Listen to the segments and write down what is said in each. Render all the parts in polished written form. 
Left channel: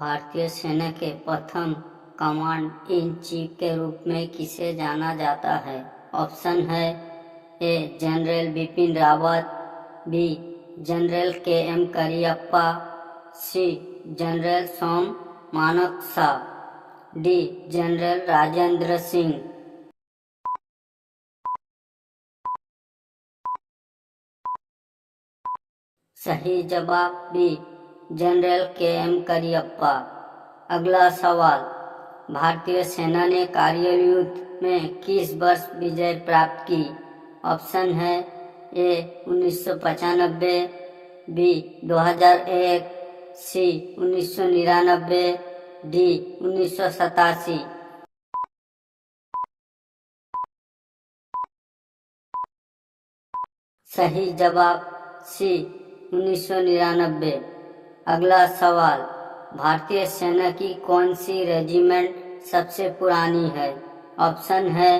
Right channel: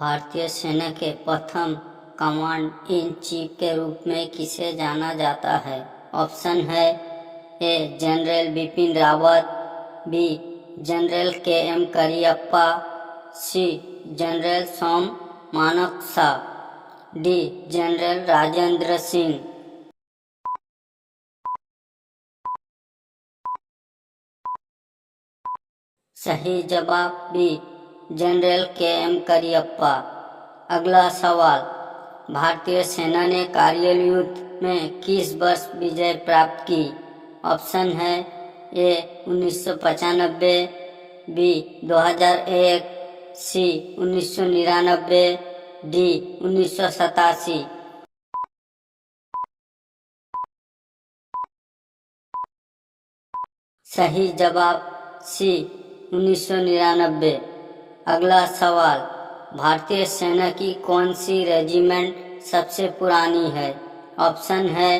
भारतीय सेना के प्रथम कमांड इन चीफ के रूप में किसे जाना जाता है? ऑप्शन है A general Bipin Rawat, B general K M Cariappa, C general Sam Manekshaw, D general Rajendra Singh. सही जवाब B general K M Cariappa. अगला सवाल, भारतीय सेना ने कारगिल युद्ध में किस वर्ष विजय प्राप्त की? ऑप्शन है ए 1995, बी 2001, सी 1999, डी 1987। सही जवाब सी 1999। अगला सवाल, भारतीय सेना की कौन सी रेजिमेंट सबसे पुरानी है? ऑप्शन है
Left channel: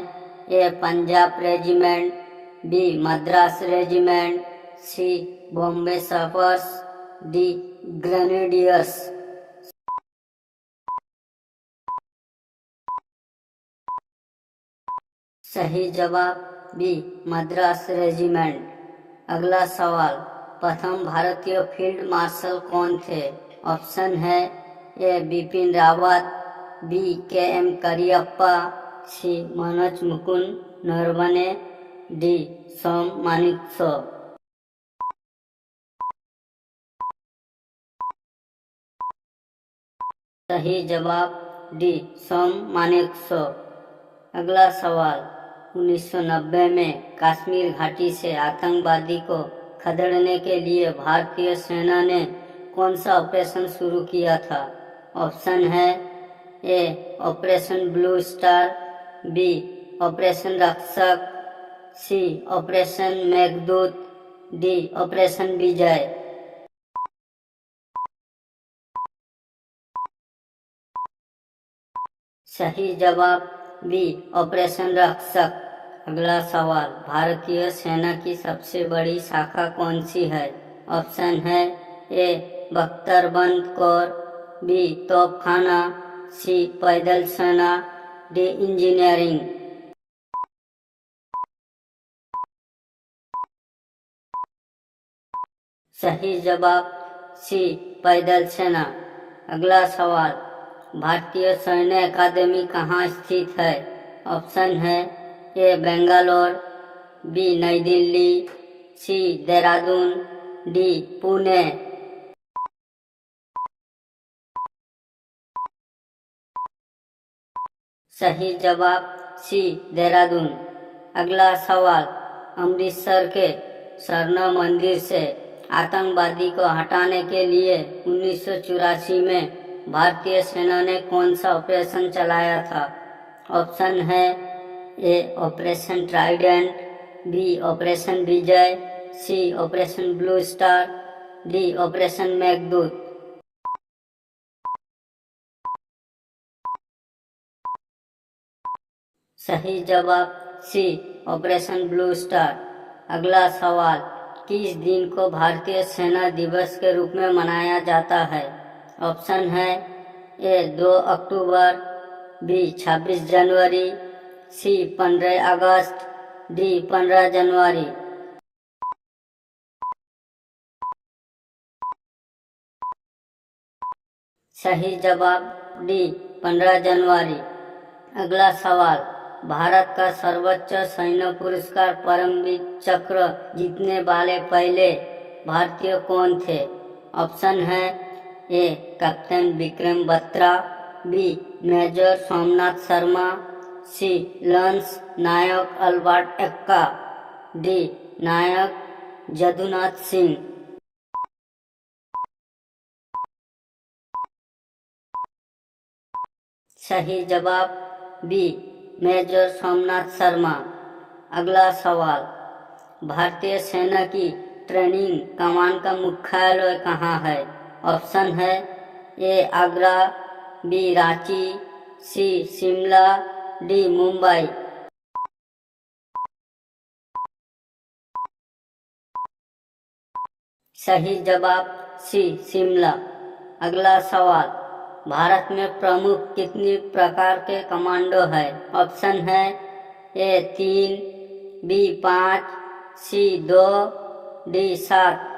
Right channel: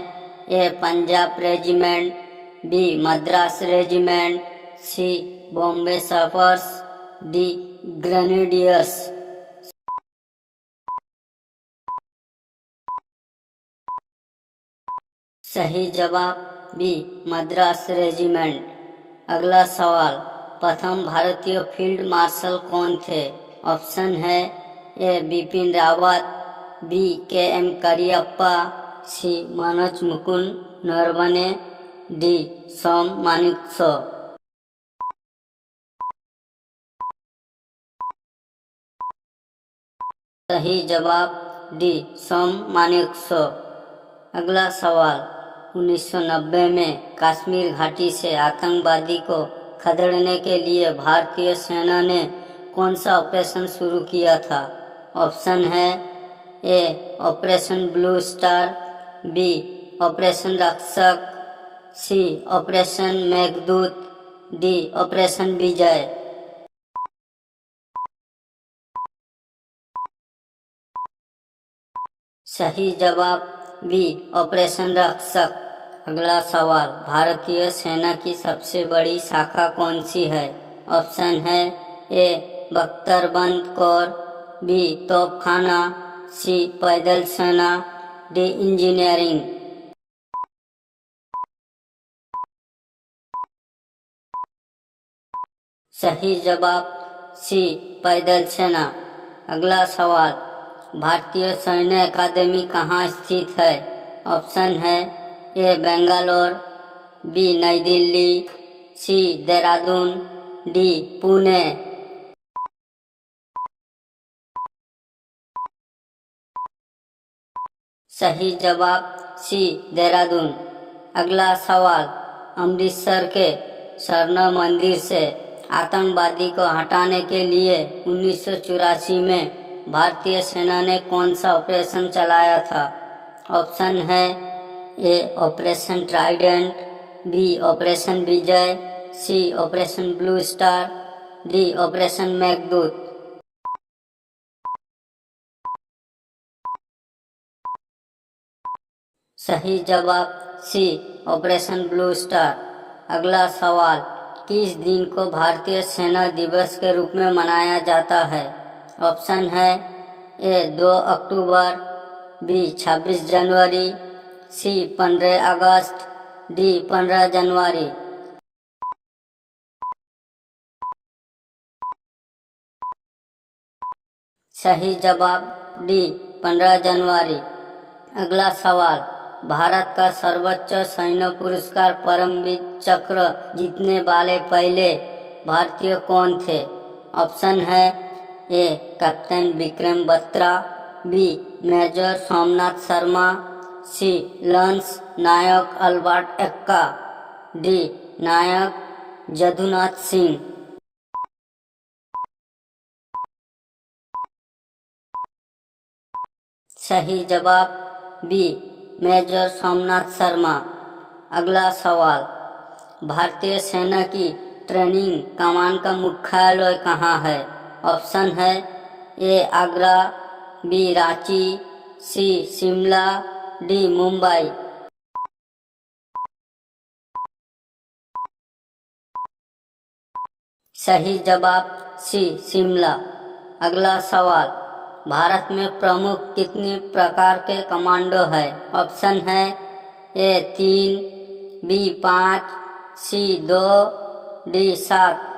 A Punjab regiment, B Madras regiment, C Bombay sappers, D grenadiers. सही जवाब बी मद्रास रेजिमेंट। अगला सवाल, प्रथम भारतीय फील्ड मार्शल कौन थे? ऑप्शन है ए बिपिन रावत, बी के एम करियप्पा, सी मनोज मुकुंद नरवणे, डी सोम मानेकशॉ। सही जवाब डी सोम मानेकशॉ। अगला सवाल, 1990 में कश्मीर घाटी से आतंकवादी को खदेड़ने के लिए भारतीय सेना ने कौन सा ऑपरेशन शुरू किया था? ऑप्शन है A operation Blue Star, B operation Rakshak, C operation Meghdoot, D operation Vijay. सही जवाब बी ऑपरेशन रक्षक। अगला सवाल, भारतीय सेना की सबसे बड़ी शाखा कौन सी है? ऑप्शन है ए बख्तरबंद कोर, बी तोपखाना, सी पैदल सेना, डी इंजीनियरिंग। सही जवाब सी पैदल सेना। अगला सवाल, भारतीय सैन्य अकादमी कहाँ स्थित है? ऑप्शन है ए बेंगलोर, बी नई दिल्ली, सी देहरादून, डी पुणे। सही जवाब सी देहरादून। अगला सवाल, अमृतसर के स्वर्ण मंदिर से आतंकवादी को हटाने के लिए 1984 में भारतीय सेना ने कौन सा ऑपरेशन चलाया था? ऑप्शन है A operation Trident, B operation Vijay, C operation Blue Star, D operation Meghdoot. सही जवाब सी ऑपरेशन ब्लू स्टार। अगला सवाल, किस दिन को भारतीय सेना दिवस के रूप में मनाया जाता है? ऑप्शन है ए 2 अक्टूबर, बी 26 जनवरी, सी 15 अगस्त, डी 15 जनवरी। सही जवाब डी 15 जनवरी। अगला सवाल, भारत का सर्वोच्च सैन्य पुरस्कार परमवीर चक्र जीतने वाले पहले भारतीय कौन थे? ऑप्शन है A captain Vikram Batra, B major Somnath Sharma, C lance Naik Albert Ekka, D Naik Jadunath Singh. सही जवाब बी मेजर सोमनाथ शर्मा। अगला सवाल, भारतीय सेना की ट्रेनिंग कमान का मुख्यालय कहाँ है? ऑप्शन है ए आगरा, बी रांची, सी शिमला, डी मुंबई। सही जवाब सी शिमला। अगला सवाल, भारत में प्रमुख कितनी प्रकार के कमांडो है? ऑप्शन है ए 3, बी 5, सी 2, डी 7।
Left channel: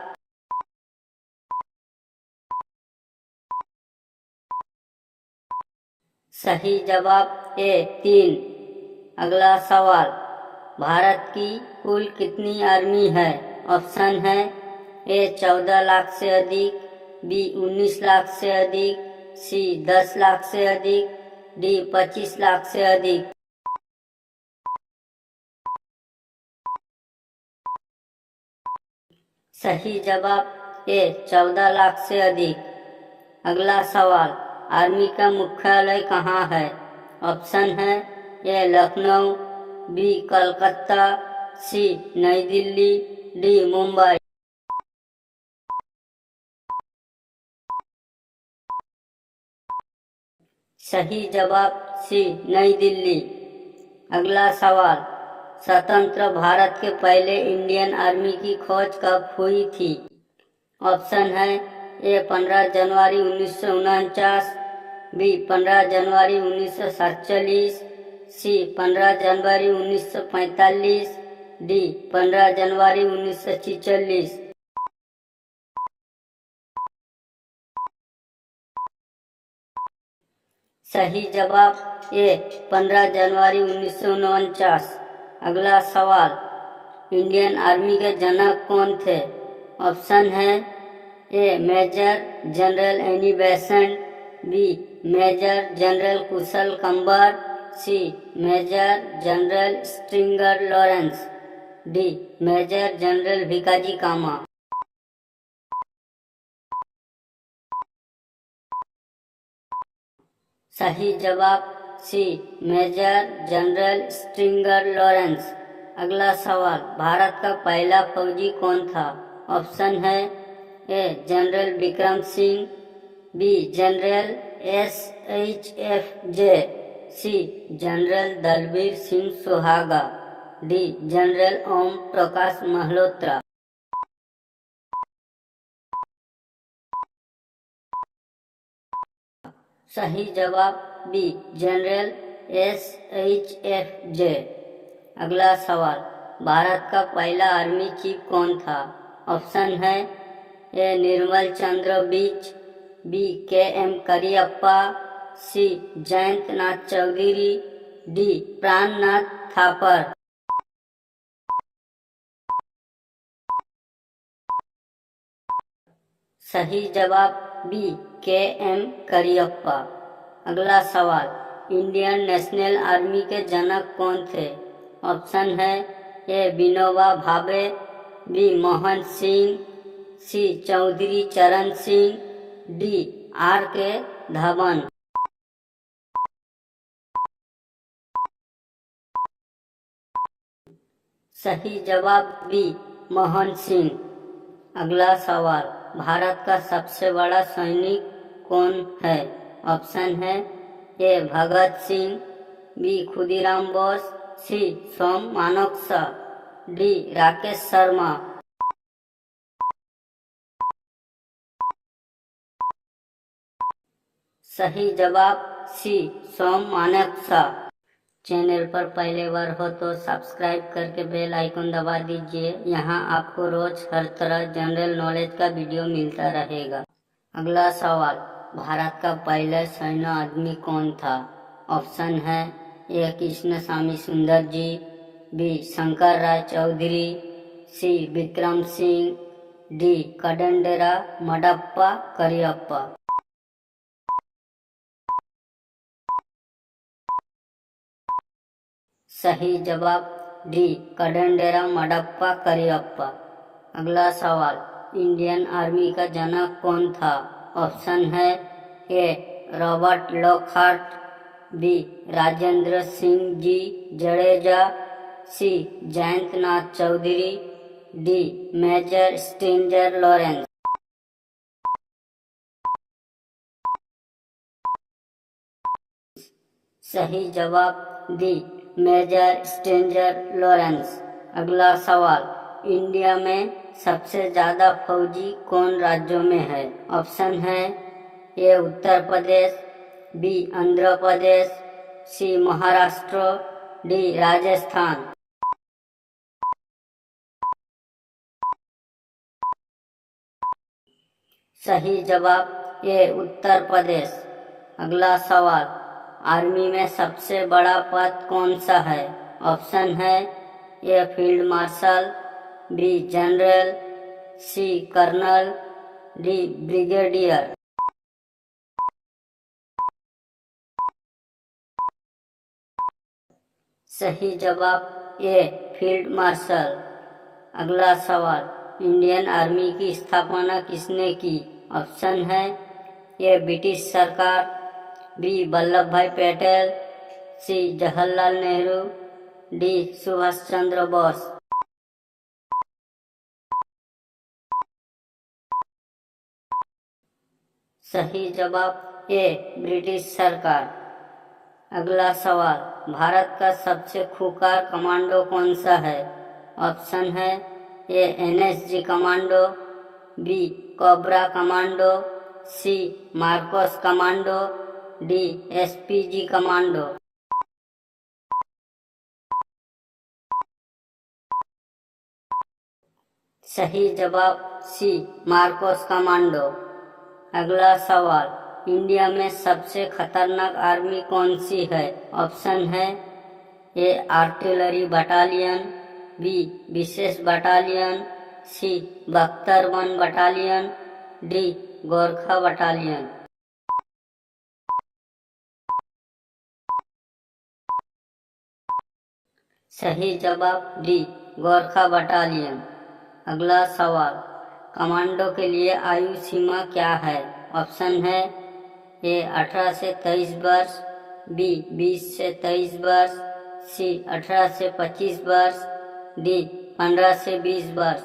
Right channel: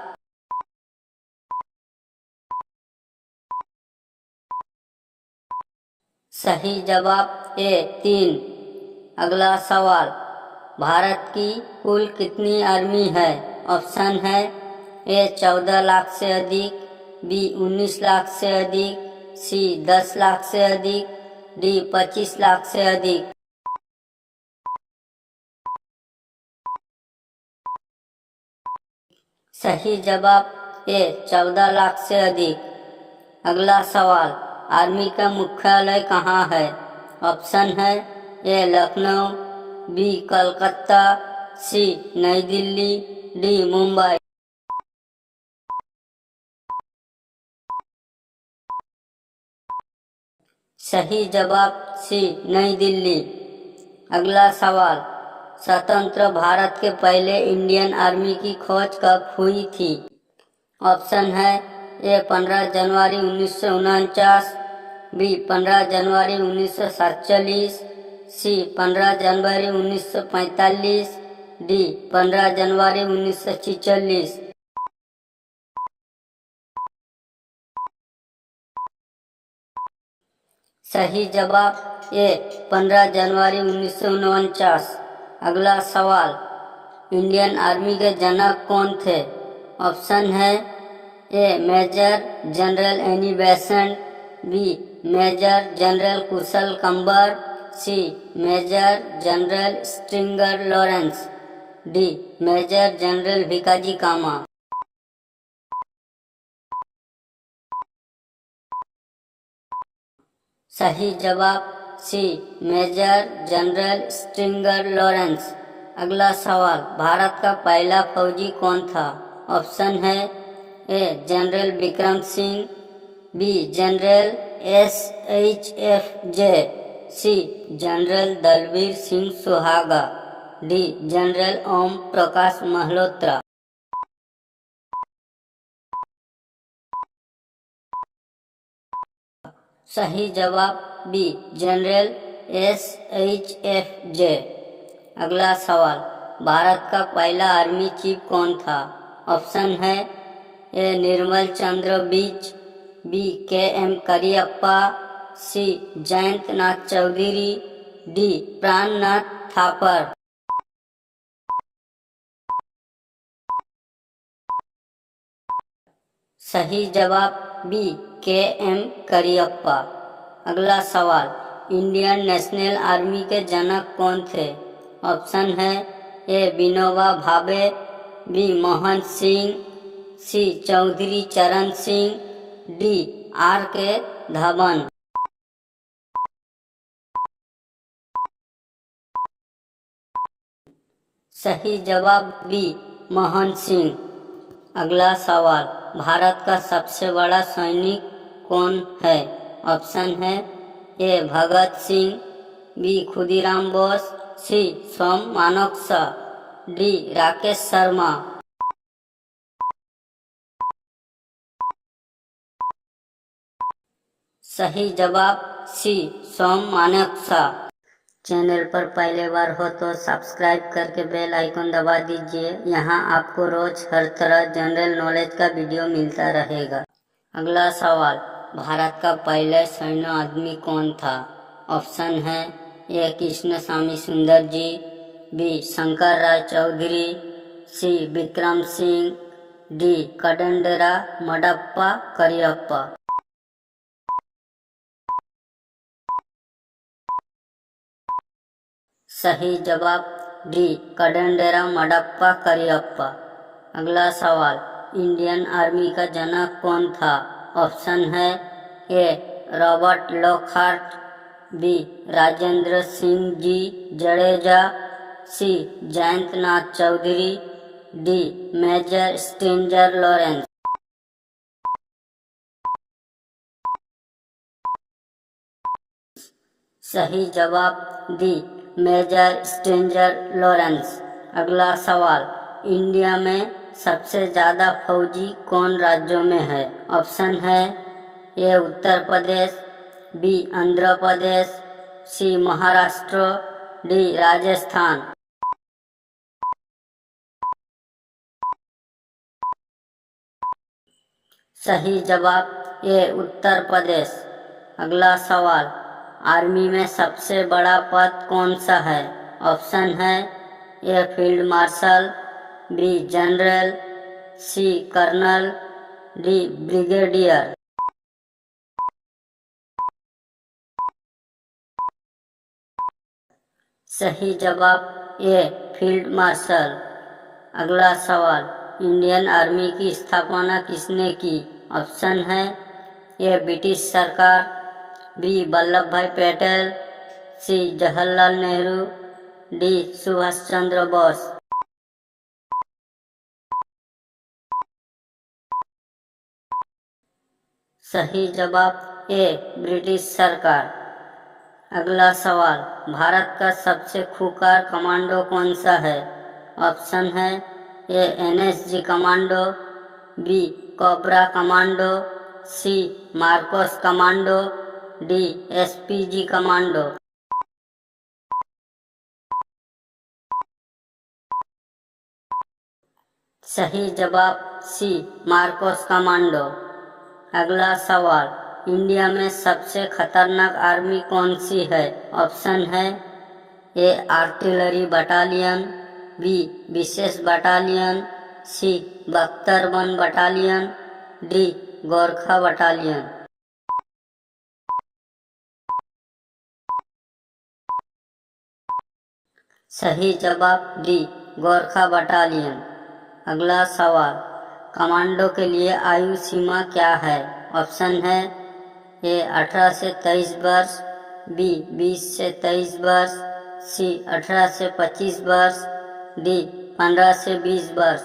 सही जवाब ए 3। अगला सवाल, भारत की कुल कितनी आर्मी है? ऑप्शन है ए 14 लाख से अधिक, बी 19 लाख से अधिक, सी 10 लाख से अधिक, डी 25 लाख से अधिक। सही जवाब ए 14 लाख से अधिक। अगला सवाल, आर्मी का मुख्यालय कहाँ है? ऑप्शन है ए लखनऊ, बी कलकत्ता, सी नई दिल्ली, डी मुंबई। सही जवाब सी नई दिल्ली। अगला सवाल, स्वतंत्र भारत के पहले इंडियन आर्मी की खोज कब हुई थी? ऑप्शन है ए 15 जनवरी 1949, बी 15 जनवरी 1947, सी 15 जनवरी 1945, डी 15 जनवरी 1946। सही जवाब ए 15 जनवरी 1949। अगला सवाल, इंडियन आर्मी के जनक कौन थे? ऑप्शन है A major general Annie Besant, B major general Kushal Kambar, C major general Stringer Lawrence, D major general Bhikaji Cama. सही जवाब C major general Stringer Lawrence. अगला सवाल, भारत का पहला फौजी कौन था? ऑप्शन है A general Vikram Singh, B general SHFJ, C general Dalbir Singh Suhaga, D general Om Prakash Malhotra. सही जवाब बी जनरल SHFJ। अगला सवाल, भारत का पहला आर्मी चीफ कौन था? ऑप्शन है ए निर्मल चंद्र बीच, बी KM करियप्पा, सी जयंत नाथ चौधरी, डी प्राणनाथ थापर। सही जवाब बी KM करियप्पा। अगला सवाल, इंडियन नेशनल आर्मी के जनक कौन थे? ऑप्शन है ए विनोबा भावे, बी मोहन सिंह, सी चौधरी चरण सिंह, डी RK धवन। सही जवाब बी मोहन सिंह। अगला सवाल, भारत का सबसे बड़ा सैनिक कौन है? ऑप्शन है ए भगत सिंह, बी खुदीराम बोस, सी सोम मानेकशॉ, डी राकेश शर्मा। सही जवाब सी सोम मानेकशॉ। चैनल पर पहले बार हो तो सब्सक्राइब करके बेल आइकन दबा दीजिए। यहाँ आपको रोज हर तरह जनरल नॉलेज का वीडियो मिलता रहेगा। अगला सवाल, भारत का पहला सैन्य आदमी कौन था? ऑप्शन है ए कृष्णस्वामी सुंदर जी, बी शंकर राय चौधरी, सी विक्रम सिंह, डी कदंडेरा मडप्पा करियप्पा। सही जवाब डी कदंडेरा मडप्पा करियप्पा। अगला सवाल, इंडियन आर्मी का जनक कौन था? ऑप्शन है A Robert Lockhart, B Rajendra Singh ji Jadeja, C Jayant Nath Chaudhuri, D major Stringer Lawrence. सही जवाब डी मेजर स्ट्रिंगर लॉरेंस। अगला सवाल, इंडिया में सबसे ज्यादा फौजी कौन राज्यों में है? ऑप्शन है ए उत्तर प्रदेश, बी आंध्र प्रदेश, सी महाराष्ट्र, डी राजस्थान। सही जवाब ए उत्तर प्रदेश। अगला सवाल, आर्मी में सबसे बड़ा पद कौन सा है? ऑप्शन है A field marshal, B general, C colonel, D brigadier. सही जवाब ए फील्ड मार्शल। अगला सवाल, इंडियन आर्मी की स्थापना किसने की? ऑप्शन है ए ब्रिटिश सरकार, बी वल्लभ भाई पटेल, सी जवाहरलाल नेहरू, डी सुभाष चंद्र बोस। सही जवाब ए ब्रिटिश सरकार। अगला सवाल, भारत का सबसे खूंखार कमांडो कौन सा है? ऑप्शन है A NSG commando, B cobra commando, C MARCOS commando, D SPG commando. सही जवाब सी मार्कोस कमांडो। अगला सवाल, इंडिया में सबसे खतरनाक आर्मी कौन सी है? ऑप्शन है ए आर्टिलरी बटालियन, बी विशेष बटालियन, सी बख्तरबंद बटालियन, डी गोरखा बटालियन। सही जवाब डी गोरखा बटालियन। अगला सवाल, कमांडो के लिए आयु सीमा क्या है? ऑप्शन है ए 18 से 23 वर्ष, बी 20 से 23 वर्ष, सी 18 से 25 वर्ष, डी 15 से 20 वर्ष।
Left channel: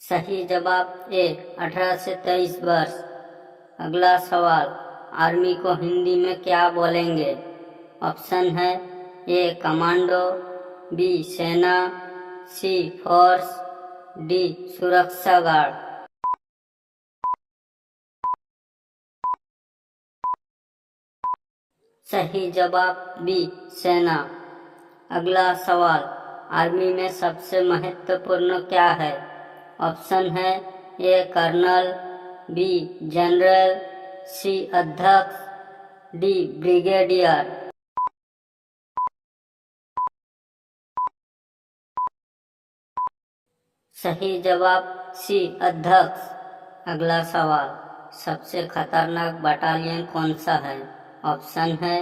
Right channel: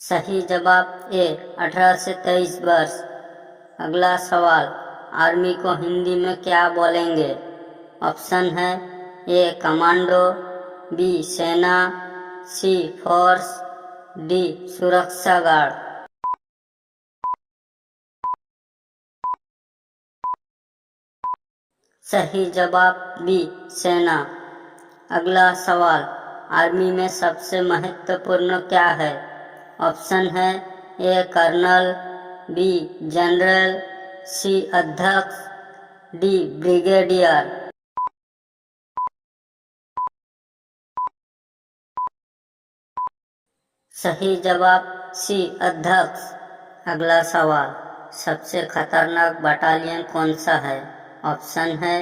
सही जवाब ए 18 से 23 वर्ष। अगला सवाल, आर्मी को हिंदी में क्या बोलेंगे? ऑप्शन है ए कमांडो, बी सेना, सी फोर्स, डी सुरक्षा गार्ड। सही जवाब बी सेना। अगला सवाल, आर्मी में सबसे महत्वपूर्ण क्या है? ऑप्शन है ए कर्नल, बी जनरल, सी अध्यक्ष, डी ब्रिगेडियर। सही जवाब सी अध्यक्ष। अगला सवाल, सबसे खतरनाक बटालियन कौन सा है? ऑप्शन है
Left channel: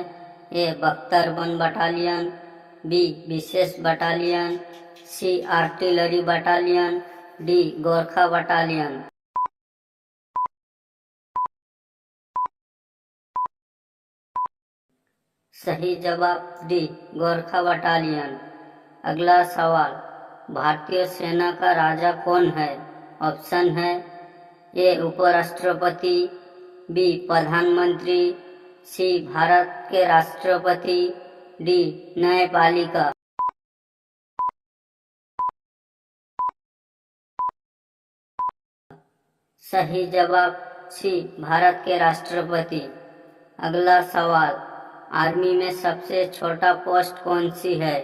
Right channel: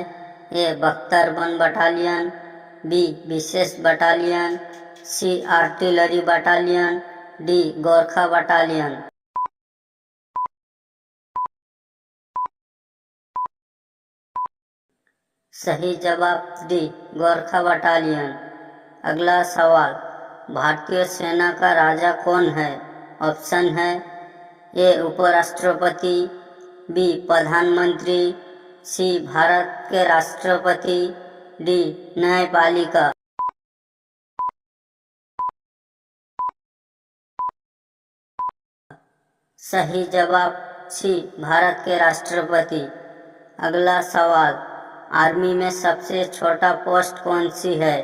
ए बख्तरबंद बटालियन, बी विशेष battalion, C artillery battalion, D Gorkha battalion. सही जवाब डी गोरखा बटालियन। अगला सवाल, भारतीय सेना का राजा कौन है? ऑप्शन है ए उपराष्ट्रपति, बी प्रधानमंत्री, सी भारत के राष्ट्रपति, डी न्यायपालिका। सही जवाब सी भारत के राष्ट्रपति। अगला सवाल, आर्मी में सबसे छोटा पोस्ट कौन सी है?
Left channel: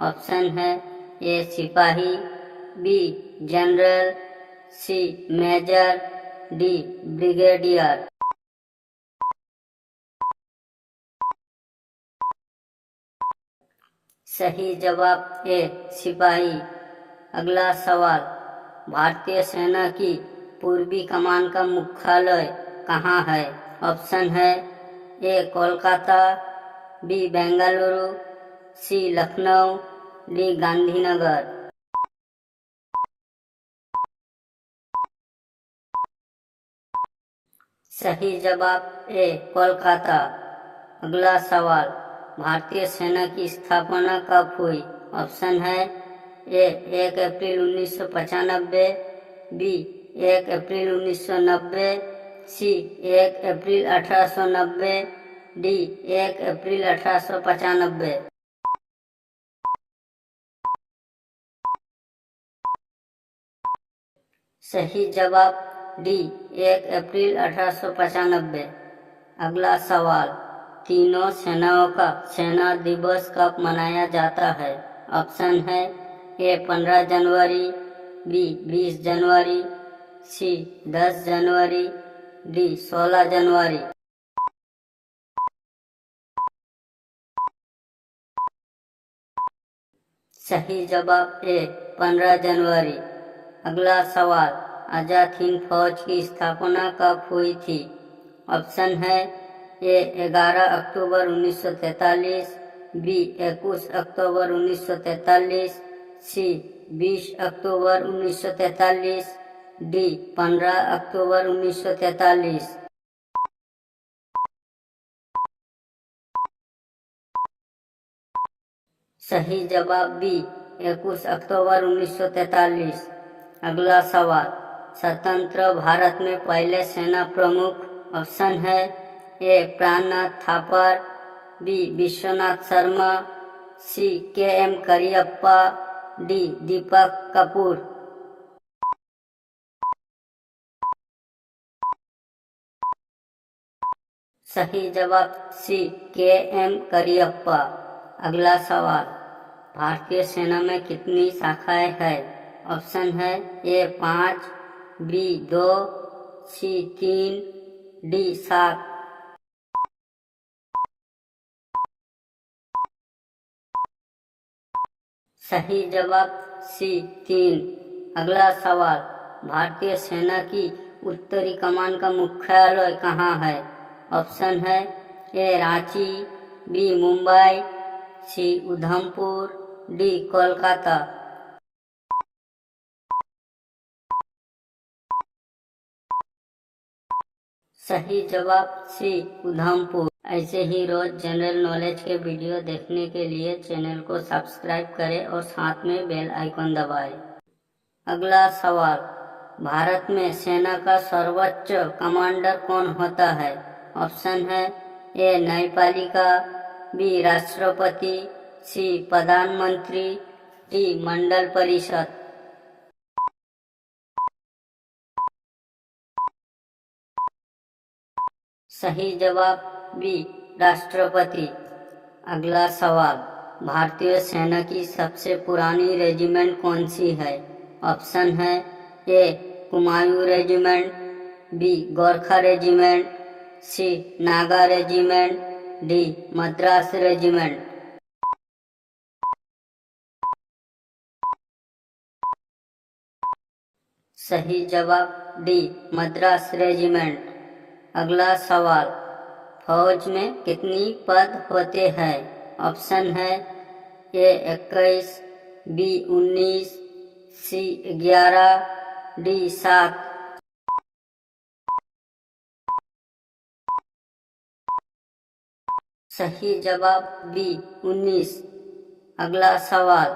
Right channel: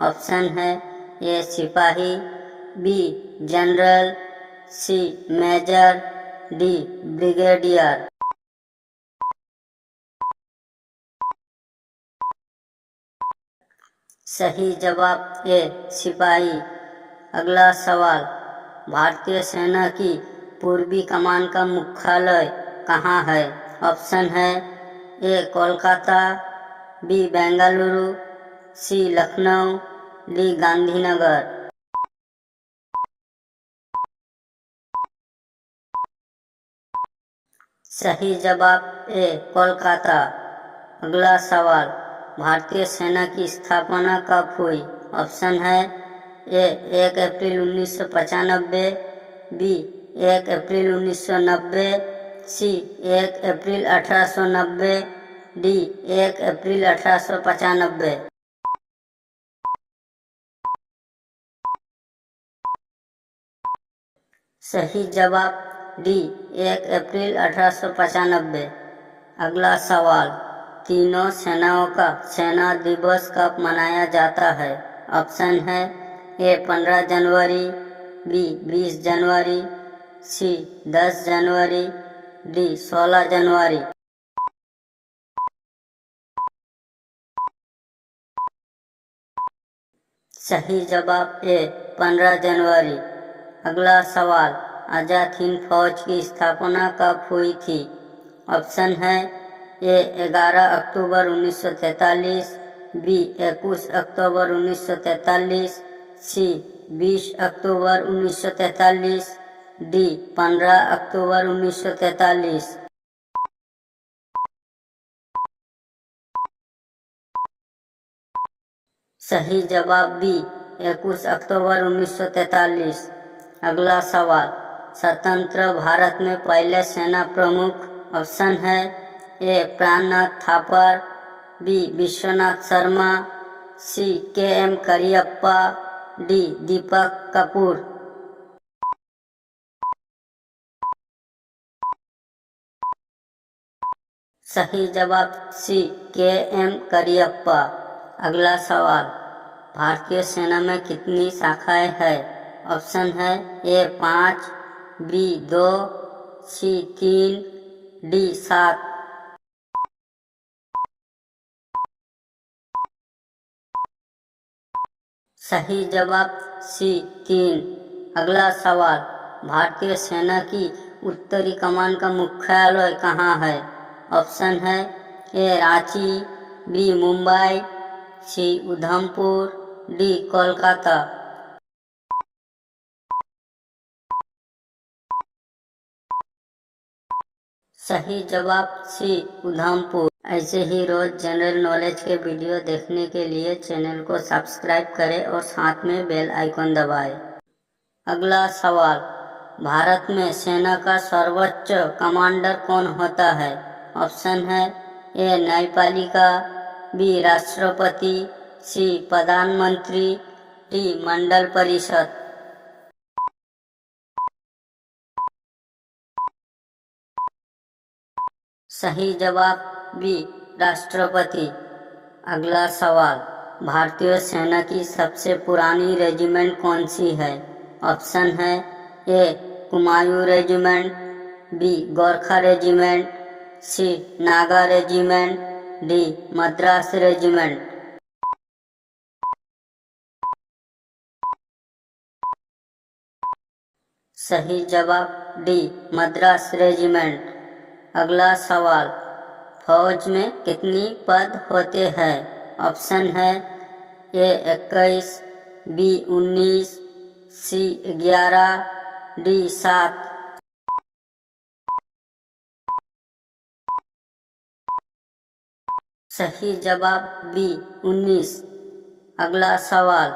ऑप्शन है ए सिपाही, B general, C major, D brigadier. सही जवाब ए सिपाही। अगला सवाल, भारतीय सेना की पूर्वी कमान का मुख्यालय कहाँ है? ऑप्शन है ए कोलकाता, बी बेंगलुरु, सी लखनऊ, डी गांधीनगर। सही जवाब ए कोलकाता। अगला सवाल, भारतीय सेना की स्थापना कब हुई? ऑप्शन है ए 1 अप्रैल 1995, बी 1 अप्रैल 1990, सी 1 अप्रैल 1890, डी 1 अप्रैल 1895। सही जवाब डी 1 अप्रैल 1895। अगला सवाल, तीनों सेनाओं का सेना दिवस कब मनाया जाता है? ऑप्शन है ए 15 जनवरी, बी 20 जनवरी, सी 10 जनवरी, डी 16 जनवरी। सही जवाब ए 15 जनवरी। अगला सवाल, आजाद हिंद फौज की स्थापना कब हुई थी? ऑप्शन है ए 11 अक्टूबर 1943, बी 21 अक्टूबर 1943, सी 20 अक्टूबर 1943, डी 15 अक्टूबर 1943। सही जवाब बी 21 अक्टूबर 1943। अगला सवाल, स्वतंत्र भारत में पहले सेना प्रमुख। ऑप्शन है ए प्राणनाथ थापर, बी विश्वनाथ शर्मा, सी के.एम. करियप्पा, डी दीपक कपूर। सही जवाब सी के.एम. करियप्पा। अगला सवाल, भारतीय सेना में कितनी शाखाएं हैं? ऑप्शन है ए 5, बी 2, सी 3, डी 7। सही जवाब सी 3। अगला सवाल, भारतीय सेना की उत्तरी कमान का मुख्यालय कहाँ है? ऑप्शन है ए रांची, बी मुंबई, सी उधमपुर, डी कोलकाता। सही जवाब सी उधमपुर। ऐसे ही रोज जनरल नॉलेज के वीडियो देखने के लिए चैनल को सब्सक्राइब करें और साथ में बेल आइकन दबाएं। अगला सवाल, भारत में सेना का सर्वोच्च कमांडर कौन होता है? ऑप्शन है ए न्यायपालिका, बी राष्ट्रपति, सी प्रधानमंत्री, डी मंडल परिषद। सही जवाब बी राष्ट्रपति। अगला सवाल, भारतीय सेना की सबसे पुरानी रेजिमेंट कौन सी है? ऑप्शन है A Kumaon regiment, B Gorkha regiment, C Naga regiment, D Madras regiment. सही जवाब डी मद्रास रेजिमेंट। अगला सवाल, फौज में कितनी पद होते हैं? ऑप्शन है ए 21, बी 19, सी 11, डी 7। सही जवाब बी 19। अगला सवाल,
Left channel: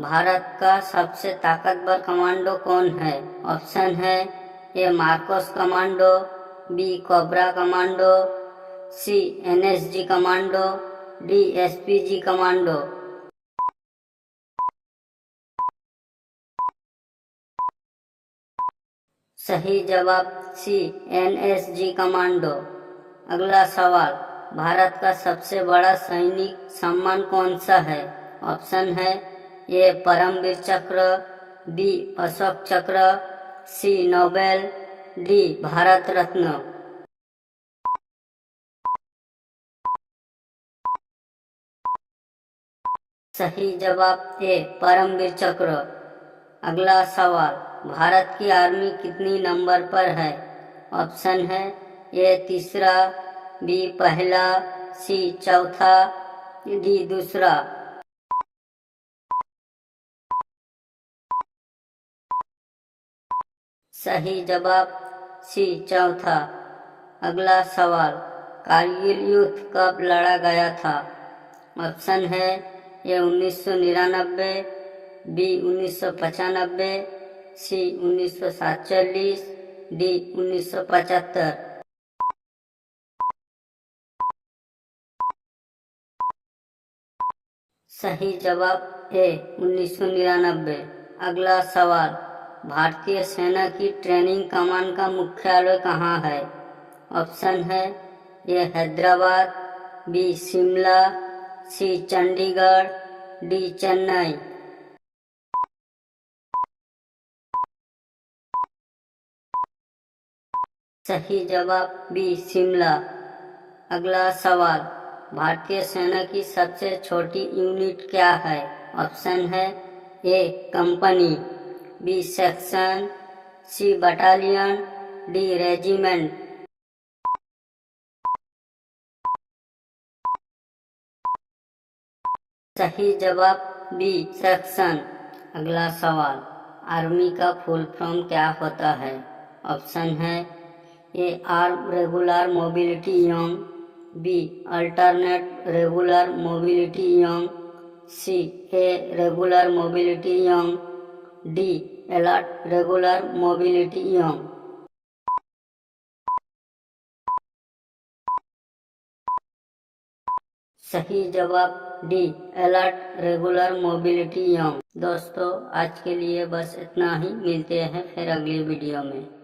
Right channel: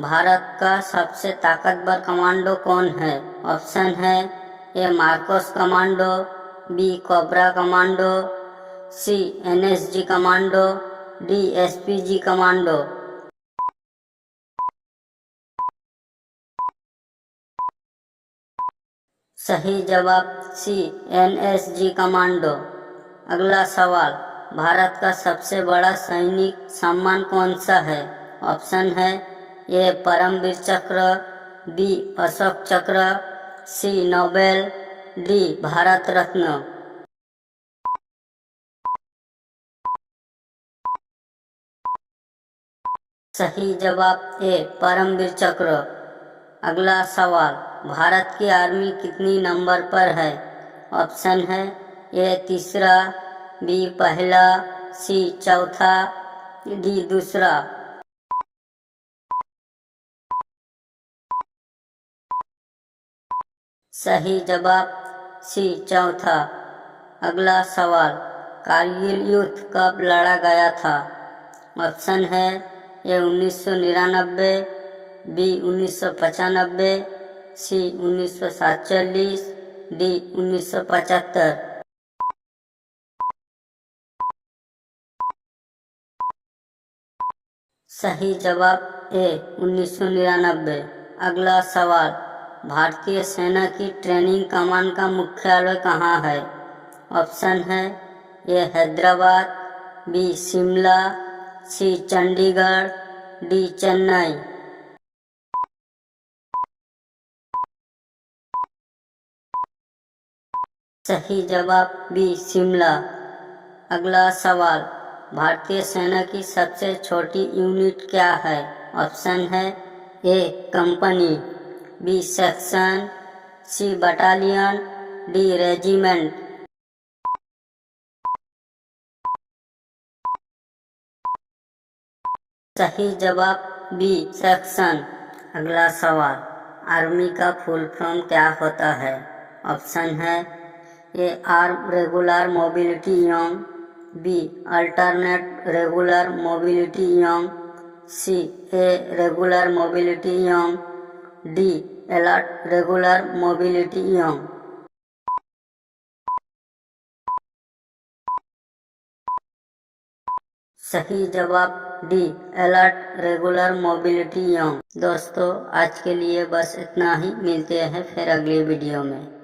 भारत का सबसे ताकतवर कमांडो कौन है? ऑप्शन है A MARCOS commando, B cobra commando, C NSG commando, D SPG commando. सही जवाब सी एनएसजी कमांडो। अगला सवाल, भारत का सबसे बड़ा सैनिक सम्मान कौन सा है? ऑप्शन है ए परमवीर चक्र, बी अशोक चक्र, सी नोबेल, डी भारत रत्न। सही जवाब ए परमवीर चक्र। अगला सवाल, भारत की आर्मी कितनी नंबर पर है? ऑप्शन है ए तीसरा, बी पहला, सी चौथा, डी दूसरा। सही जवाब सी चौथा। अगला सवाल, कारगिल युद्ध कब लड़ा गया था? ऑप्शन है ए 1999, बी 1995, सी 1947, डी 1975। सही जवाब ए 1999। अगला सवाल, भारतीय सेना की ट्रेनिंग कमान का मुख्यालय कहाँ है? ऑप्शन है ए हैदराबाद, बी शिमला, सी चंडीगढ़, डी चेन्नई। सही जवाब बी शिमला। अगला सवाल, भारतीय सेना की सबसे छोटी यूनिट क्या है? ऑप्शन है ए कंपनी, बी सेक्शन, सी बटालियन, डी रेजिमेंट। सही जवाब बी सेक्शन। अगला सवाल, आर्मी का फुल फॉर्म क्या होता है? ऑप्शन है A arm regular mobility young, B alternate regular mobility young, C A regular mobility young, D alert regular mobility young. सही जवाब D alert regular mobility young. दोस्तों आज के लिए बस इतना ही, मिलते हैं फिर अगली वीडियो में।